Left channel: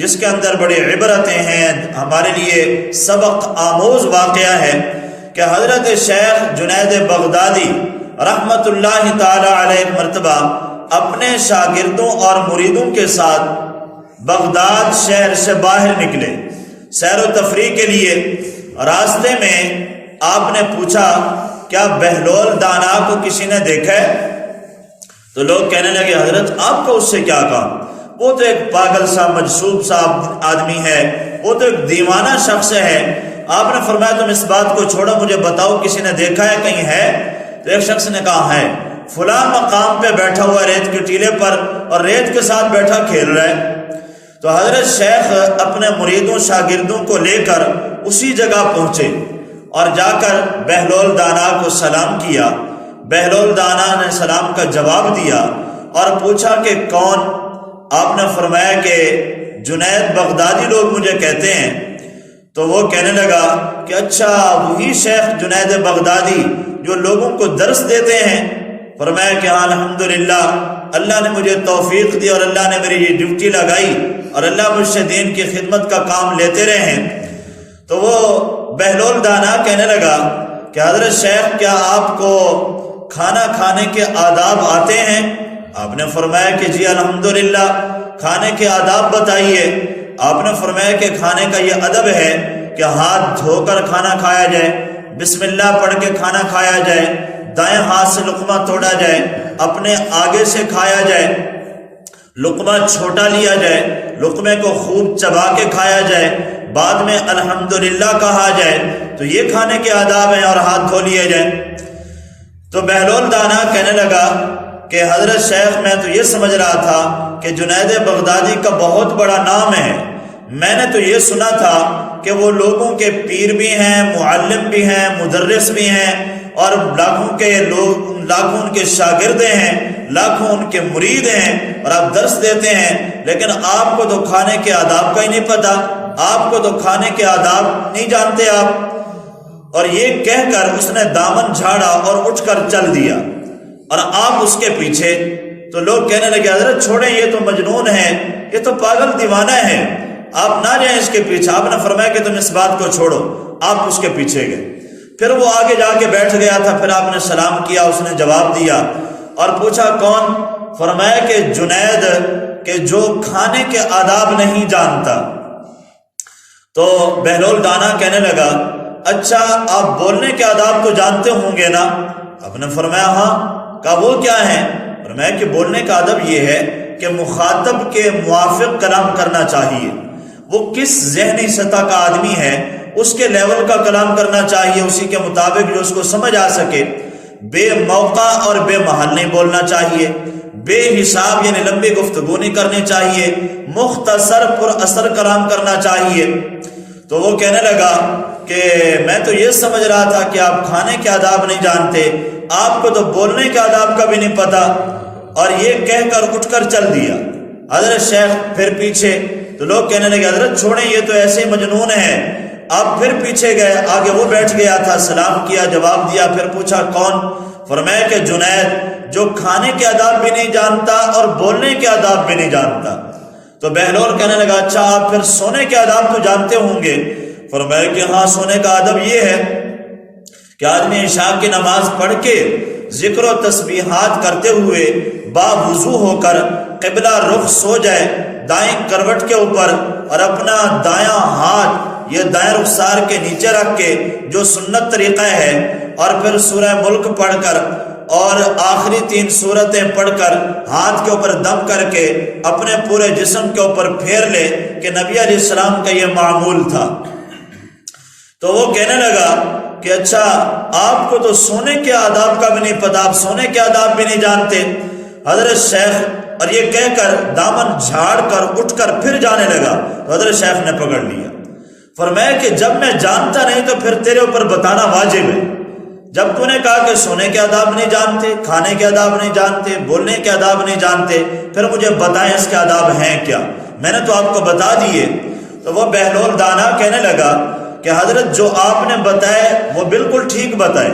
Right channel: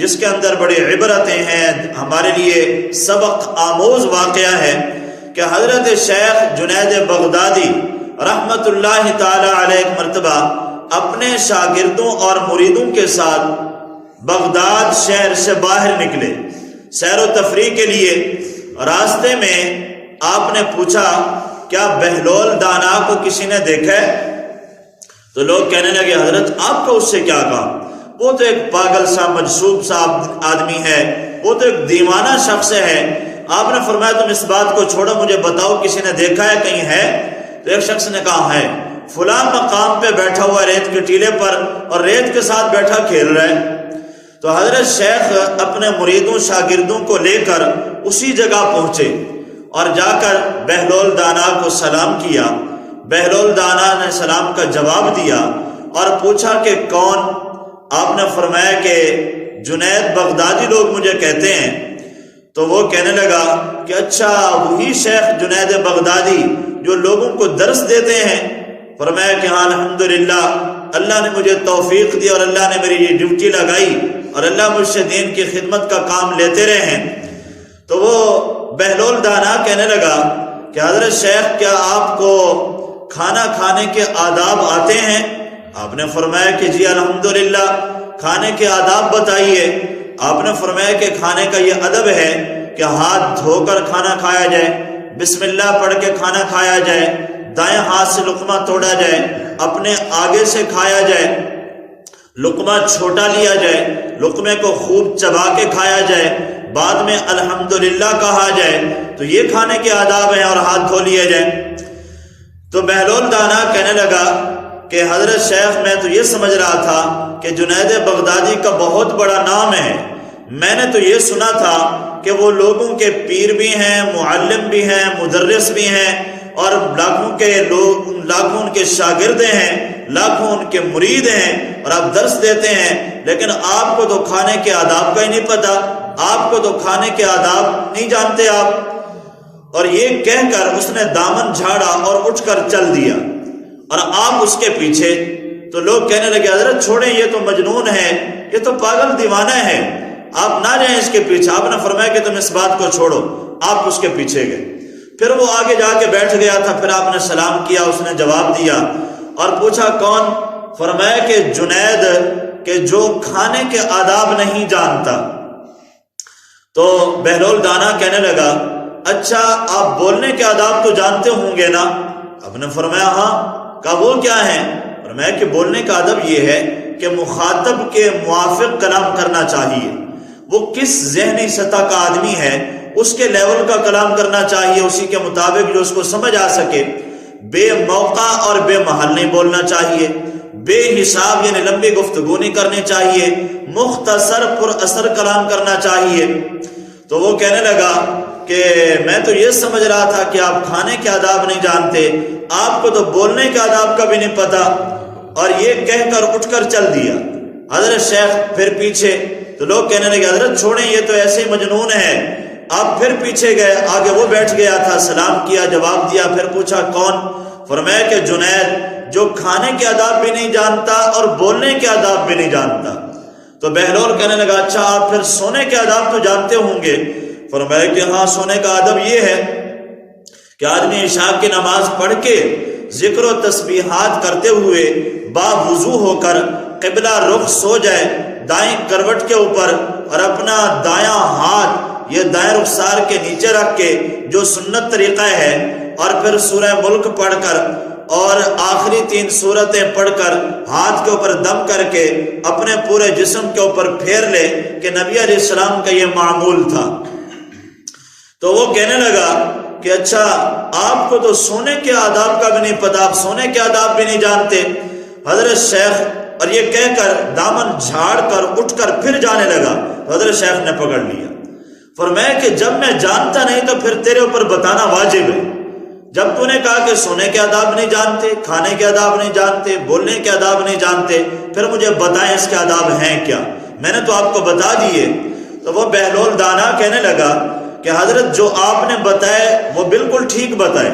جس کے اندر بڑی عبرتیں ہیں، ہمارے لیے سبق آموز واقعہ ہے کہ حضرت شیخ جنید بغدادی رحمت اللہ تعالی علیہ مرتبہ اپنے شاگردوں اور مریدوں کے ساتھ بغداد شہر سے باہر نکلے سیر و تفریح کے لیے۔ راستے میں آپ نے پوچھا کیا بہلول دانا کو کسی نے دیکھا ہے؟ تو لوگ کہنے لگے حضرت آپ کو اس سے کیا کام، وہ تو ایک پاگل سا مجذوب سا آدمی ہے، وہ تو ایک دیوانہ شخص ہے۔ آپ نے فرمایا تم اس بات کو چھوڑو، مجھے بتاؤ کسی نے دیکھا ہے، کہیں ہے؟ تو ایک شخص نے کہا ہے، فلاں مقام پہ بیٹھا ہوا ریت کے ٹیلے پر اور ریت کے ساتھ بیٹھا کھیل رہا ہے۔ تو حضرت شیخ اپنے مریدوں شاگردوں کو لے کر اسی جگہ پہنچے اور جا کر بہلول دانا کو سلام کیا۔ بہلول دانا نے سلام کا جواب دیا اور پوچھا کہ کون؟ آپ نے فرمایا کہ جنید بغدادی لوگ مجھے کہتے ہیں۔ تو وہ کہنے لگا کہ اچھا وہی شیخ جنید بغدادی جو لوگوں کو درس دیتے ہیں؟ فرمایا کہ ہاں الحمدللہ، اللہ نے مجھے توفیق دی اور اللہ نے میری یہ ڈیوٹی لگائی اور اللہ مجھ سے دین کی خدمت کا کام لیتے رہے ہیں۔ تو وہ بہلول دانا کہنے لگا کہ حضرت شیخ کیا آپ کو کھانا کھانے کے آداب آتے ہیں؟ آپ نے فرمایا کہ جی الحمدللہ، کھانے کے آداب بتائیے۔ آپ نے فرمایا کہ کھانے کا یہ ادب ہے کہ ہاتھ دھو کر کھانا کھایا جائے، بسم اللہ پڑھ کے کھانا کھایا جائے، دائیں ہاتھ سے لقمہ توڑا جائے، اپنے آگے سے کھایا جائے، لقمہ چھوٹا لیا جائے، لقمے کو خوب چبا کے کھایا جائے، بعد میں الحمدللہ کہا جائے۔ تو یہ کھانے کے آداب ہیں اور ہاتھ دھو لیے جائیں۔ تو بہلول دانا کہنے لگا کہ حضرت شیخ میں تو یہ سمجھ رہا تھا کہ جنید بغدادی کا بہت بڑا نام ہے، میں نے تو یہ سنا تھا کہ وہ لوگوں کے پیر بھی ہیں، معلم بھی ہیں، مدرس بھی ہیں اور لاکھوں ان کے شاگرد ہیں، لاکھوں ان کے مرید ہیں اور آپ درس دیتے ہیں، لیکن آپ کو تو کھانے کے آداب کا ہی نہیں پتا، آپ کو تو کھانے کے آداب نہیں جانتے آپ۔ اور یہ کہہ کر اس نے دامن جھاڑا اور اٹھ کر چل دیا اور آپ اس کے پیچھے۔ تو لوگ کہنے لگے حضرت چھوڑیں، یہ تو مجنون ہے، یہ تو پاگل دیوانہ ہے، آپ نہ جائیں اس کے پیچھے۔ آپ نے فرمایا کہ تم اس بات کو چھوڑو، آپ اس کے پیچھے گئے۔ پھر وہ آگے جا کے بیٹھ گیا تھا، پھر آپ نے سلام کیا، اس نے جواب دیا اور پوچھا کون؟ فرمایا کہ جنید کہ جو کھانے کے آداب نہیں جانتا۔ تو بہلول دانا کہنے لگا اچھا آپ بولنے کے آداب تو جانتے ہوں گے نا؟ آپ نے فرمایا ہاں۔ کہا وہ کیا ہے؟ فرمایا کہ بولنے کا ادب یہ ہے کہ مخاطب کے موافق کلام کرنا چاہیے، وہ کس ذہنی سطح کا آدمی ہے اس کے لیول کا کلام کرنا چاہیے، اسی کے مطابق جو اس کو سمجھ آ سکے۔ بے موقع اور بے محل نہیں بولنا چاہیے، بے حساب یعنی لمبی گفتگو نہیں کرنی چاہیے، مختصر پر اثر کلام کرنا چاہیے۔ تو وہ کہنے لگا کہ میں تو یہ سمجھ رہا تھا کہ آپ کھانے کے آداب نہیں جانتے، آپ کو تو بولنے کے آداب کا بھی نہیں پتا، اور یہ کہہ کر اٹھ کر چل دیا۔ حضرت شیخ پھر پیچھے، تو لوگ کہنے لگے حضرت چھوڑیں، یہ تو ایسے ہی مجنون ہے۔ آپ پھر پیچھے گئے، آگے وہ بیٹھ گیا تھا، سلام کیا، جواب دیا، پھر پوچھا کون؟ فرمایا کہ جنید جو کھانے کے آداب بھی نہیں جانتا اور بولنے کے آداب بھی نہیں جانتا۔ تو بہلول کہنے لگا اچھا آپ پھر سونے کے آداب تو جانتے ہوں گے؟ فرمایا کہ ہاں، سونے کا آدب یہ ہے کہ آدمی عشاء کی نماز پڑھ کے ذکر و تسبیحات کرتے ہوئے باوضو ہو کر قبلہ رخ سو جائے دائیں کروٹ کے اوپر، اور اپنا دایاں ہاتھ یہ دائیں رخسار کے نیچے رکھ کے جو سنت طریقہ ہے، اور پھر سورہ ملک پڑھ کر اور آخری 3 سورتیں پڑھ کر ہاتھ کے اوپر دم کر کے اپنے پورے جسم کے اوپر پھیر لے، کہ نبی علیہ السلام کا یہ معمول تھا۔ تو وہ کہنے لگا کہ اچھا آپ کو تو سونے کے آداب کا بھی نہیں پتا، آپ سونے کے آداب بھی نہیں جانتے۔ حضرت شیخ اور یہ کہہ کر دامن جھاڑ کر اٹھ کر پھر جانے لگا، تو حضرت شیخ نے پکڑ لیا۔ فرمایا کہ جب میں جانتا نہیں تو پھر تیرے اوپر بتانا واجب ہے۔ جب تو نے کہا کہ سونے کے آداب نہیں جانتے، کھانے کے آداب نہیں جانتے، بولنے کے آداب نہیں جانتے، پھر مجھے بتائیں اس کے آداب ہیں کیا؟ میں نے تو آپ کو بتا دیے۔ تو وہ بہلول دانا کہنے لگا کہ حضرت جو آپ نے بتائے وہ بالکل ٹھیک بتائے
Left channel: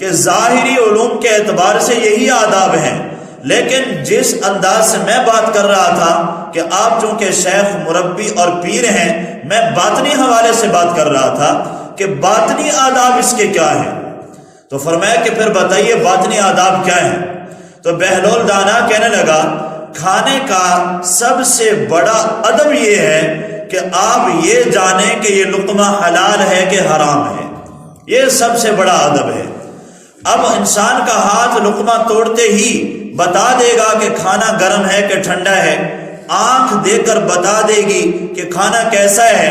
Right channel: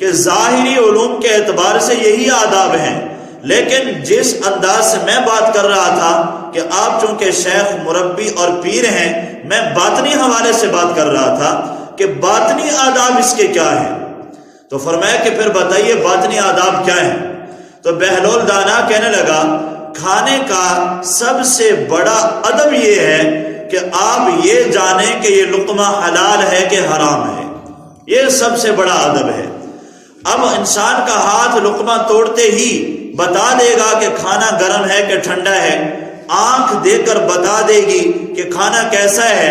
کہ ظاہری علوم کے اعتبار سے یہی آداب ہیں، لیکن جس انداز سے میں بات کر رہا تھا کہ آپ چونکہ شیخ مربی اور پیر ہیں، میں باطنی حوالے سے بات کر رہا تھا کہ باطنی آداب اس کے کیا ہیں۔ تو فرمایا کہ پھر بتائیے باطنی آداب کیا ہیں؟ تو بہلول دانا کہنے لگا کھانے کا سب سے بڑا ادب یہ ہے کہ آپ یہ جانیں کہ یہ لقمہ حلال ہے کہ حرام ہے، یہ سب سے بڑا ادب ہے۔ اب انسان کا ہاتھ لقمہ توڑتے ہی بتا دے گا کہ کھانا گرم ہے کہ ٹھنڈا ہے، آنکھ دے کر بتا دے گی کہ کھانا کیسا ہے،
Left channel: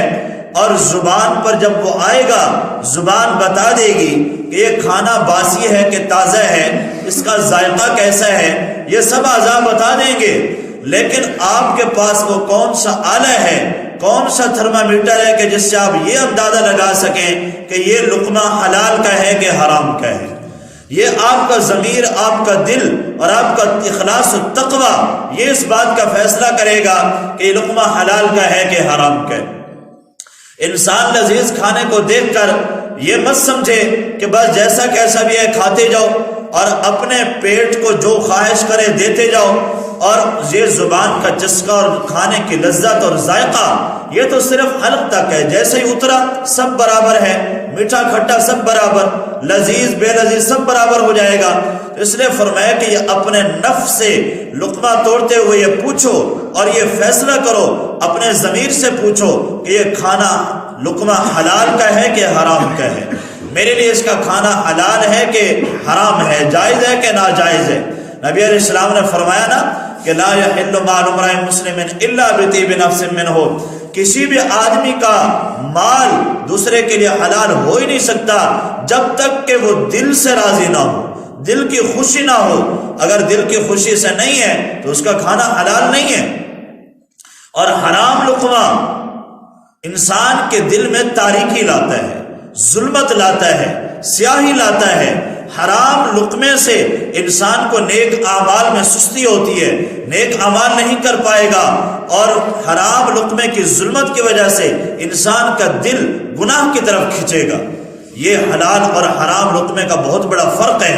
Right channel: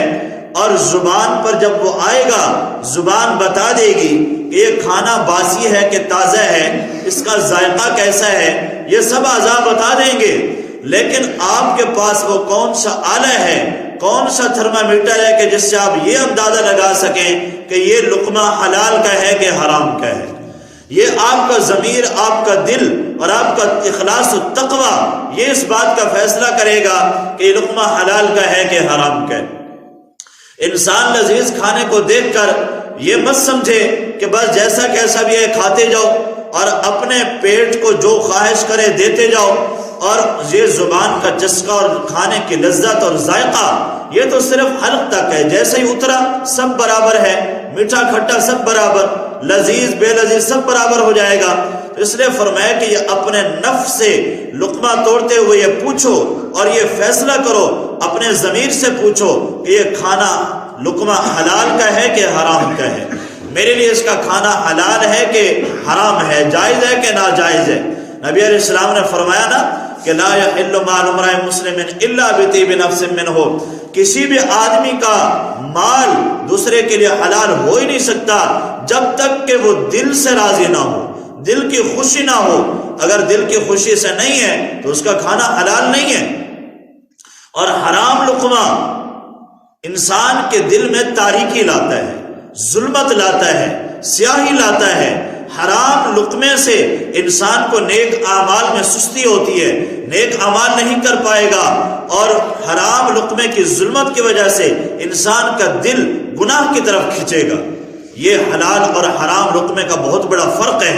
اور زبان پر جب وہ آئے گا زبان بتا دے گی کہ یہ کھانا باسی ہے کہ تازہ ہے، اس کا ذائقہ کیسا ہے، یہ سب اعضاء بتا دیں گے۔ لیکن آپ کے پاس وہ کون سا آلہ ہے، کون سا تھرمامیٹر ہے کہ جس سے آپ یہ اندازہ لگا سکیں کہ یہ لقمہ حلال کا ہے کہ حرام کا ہے؟ یہ آپ کا ضمیر، آپ کا دل اور آپ کا اخلاص و تقوی یہ اس بات کا فیصلہ کرے گا کہ یہ لقمہ حلال کا ہے کہ حرام کا ہے۔ انسان لذیذ کھانے کو دیکھ کر یہ مت سمجھے کہ بس جیسا کیسا بھی ہے کھاتے جاؤ اور اپنے پیٹ کو جو خواہش کرے دیتے جاؤ، اور یہ زبان کا چسکا اور کھانے کی لذت اور ذائقہ یہ تو صرف حلق تک ہے، جیسے ہی اترا سب برابر ہے، میٹھا کھٹا سب برابر، لذیذ بے لذیذ سب برابر ہو جائے گا۔ اس لیے فرمایا کہ یہ اپنے نفس سے لقمہ توڑتے ہوئے یہ پوچھو اور یہ فیصلہ کرو، اپنے ضمیر سے پوچھو کہ یہ کھانا لقمہ حلال کا ہے کہ حرام کا ہے، میرے لیے اس کا کھانا حلال ہے کہ حرام ہے، جائز ہے کہ ناجائز ہے۔ نبی علیہ السلام نے فرمایا نا کہ لا یحل مال امرئ مسلم الا بطیب نفس منہ، کسی بھی آدمی کا مال دوسرے کے لیے حلال ہو ہی نہیں سکتا جب تک کہ وہ دل سے راضی نہ ہو، دل کی خوشی نہ ہو۔ اگر دل کی خوشی سے نہیں ہے تو اس کا کھانا حلال نہیں ہے۔ اور حرام لقمہ انسان کے دل میں تاریکی لاتا ہے، ظلمت لاتا ہے، سیاہی لاتا ہے۔ حرام لقمے سے انسان کو نیک اعمال میں سستی ہوتی ہے، نیک اعمال نہیں کر پائے گا، اور حرام لقمے کی ظلمت کی وجہ سے انسان کا دل گناہ کی طرف کھنچے گا۔ یہ حلال اور حرام لقمے کا بہت بڑا فرق ہے۔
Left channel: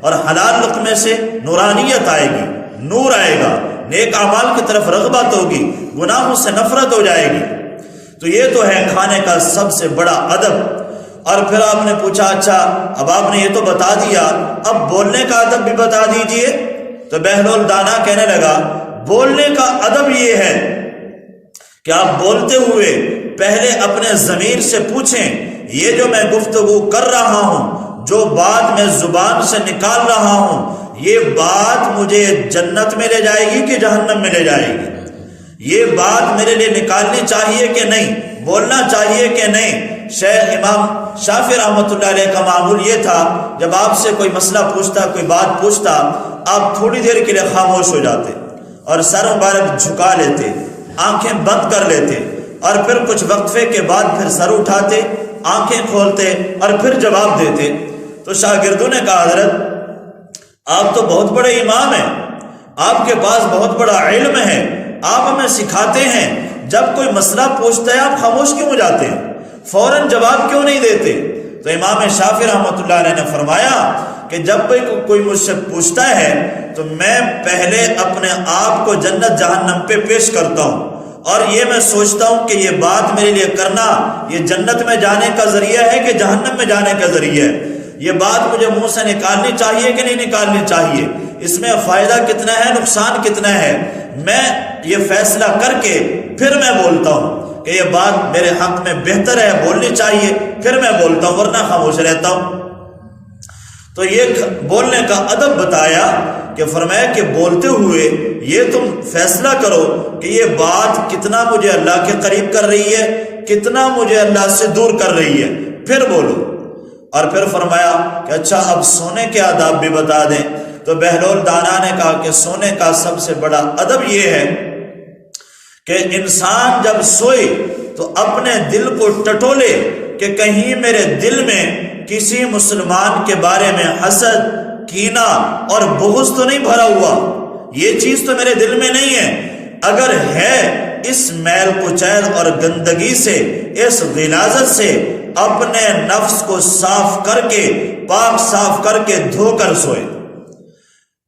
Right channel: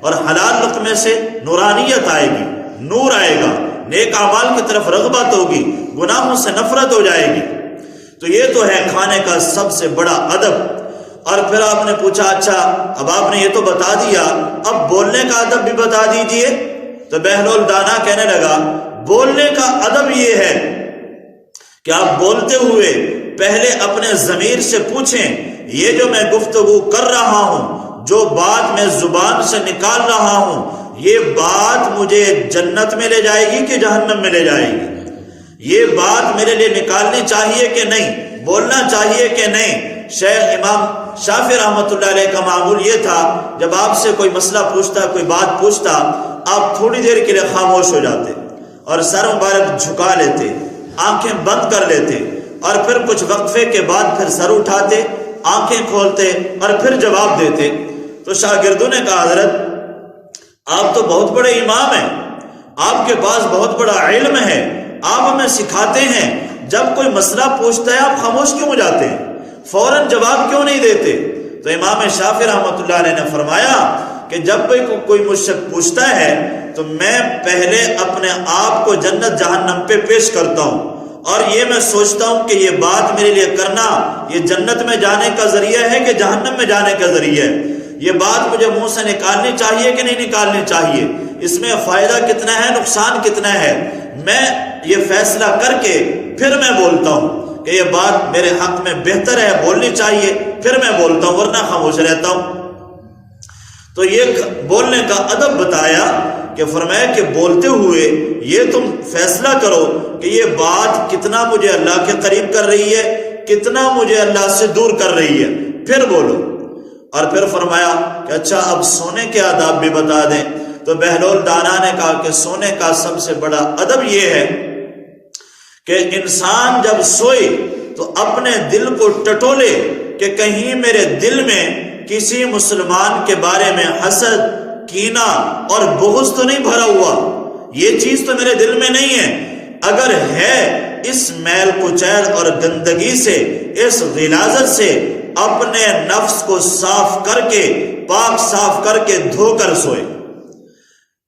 اور حلال لقمے سے نورانیت آئے گی، نور آئے گا، نیک اعمال کی طرف رغبت ہوگی، گناہوں سے نفرت ہو جائے گی۔ تو یہ تو ہے کھانے کا سب سے بڑا ادب۔ اور پھر آپ نے پوچھا اچھا اب آپ نے یہ تو بتا دیا، اب بولنے کا ادب بھی بتا دیجئے۔ تو بہلول دانا کہنے لگا بولنے کا ادب یہ ہے کہ آپ بولتے ہوئے پہلے اپنے ضمیر سے پوچھیں یہ جو میں گفتگو کر رہا ہوں، جو بات میں زبان سے نکال رہا ہوں، یہ بات مجھے جنت میں لے جائے گی کہ جہنم میں لے جائے گی؟ یہ بات میرے لیے نکالنی چاہیے کہ نہیں، بولنا چاہیے کہ نہیں؟ شیخ امام شافعی رحمۃ اللہ علیہ کا معمول یہ تھا جب آپ سے کوئی مسئلہ پوچھتا، کوئی بات پوچھتا، آپ تھوڑی دیر کے لیے خاموش ہو جاتے اور سر مبارک جھکا لیتے، آنکھیں بند کر لیتے، اور پھر کچھ وقفے کے بعد پھر سر اٹھاتے، آنکھیں کھولتے اور پھر جواب دیتے۔ تو شاگردوں نے کہا حضرت آپ تو بہت بڑے امام ہیں، آپ کے پاس بہت بڑا علم ہے، آپ ہمیں سکھاتے ہیں، جب کوئی مسئلہ پوچھتا ہے آپ خاموش کیوں ہو جاتے ہیں، فوراً جواب کیوں نہیں دیتے؟ تو امام شافعی رحمۃ اللہ علیہ نے فرمایا کہ جب کوئی مجھ سے پوچھتا ہے تو میں پہلے اپنے آپ کو جنت جہنم پہ پیش کرتا ہوں، اور یہ میں سوچتا ہوں کہ یہ بات میرے لیے کرنا یہ جنت میں جانے کا ذریعہ ہے کہ جہنم میں جانے کا ذریعہ ہے، یہ بات مجھے منہ سے نکالنی چاہیے کہ نہیں نکالنی چاہیے، اس میں فائدہ کتنا ہے، نقصان کتنا ہے، میں یہ فیصلہ کر کے پھر میں بولتا ہوں کہ یہ بات میرے حق میں بہتر ہے، بولنی چاہیے، پھر میں بولتا ہوں، ورنہ خاموش رہتا ہوں۔ تو یہ بولنے کا ادب بتایا کہ فرمایا کہ بولتے ہوئے یہ تم فیصلہ کرو کہ یہ بات کتنا مجھے اللہ کے قریب کر رہی ہے، کتنا مجھے اللہ سے دور کر رہی ہے، پھر بولو۔ اور پھر فرمایا کہ اچھا اب سونے کے آداب بھی بتا دیں۔ تو بہلول دانا نے کہا کہ سونے کا سب سے بڑا ادب یہ ہے کہ انسان جب سوئے تو اپنے دل کو ٹٹولے کہ کہیں میرے دل میں کسی مسلمان کے بارے میں حسد، کینہ اور بغض تو نہیں بھرا ہوا، یہ چیز تو میرے دل میں نہیں ہے، اگر ہے اس میل کچیل اور گندگی سے، اس غلاظت سے اپنے نفس کو صاف کر کے، پاک صاف کر کے دھو کر سوئے۔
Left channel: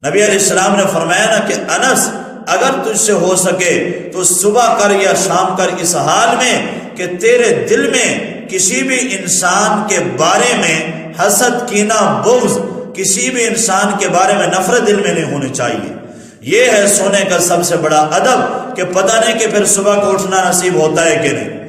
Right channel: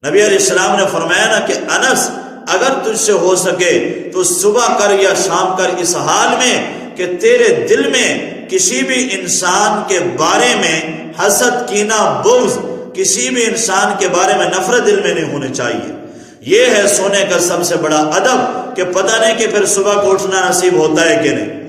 نبی علیہ السلام نے فرمایا نا کہ انس اگر تجھ سے ہو سکے تو صبح کر یا شام کر اس حال میں کہ تیرے دل میں کسی بھی انسان کے بارے میں حسد، کینہ، بغض، کسی بھی انسان کے بارے میں نفرت دل میں نہیں ہونی چاہیے۔ یہ ہے سونے کا سب سے بڑا ادب کہ پتہ نہیں کہ پھر صبح کو اٹھنا نصیب ہوتا ہے کہ نہیں۔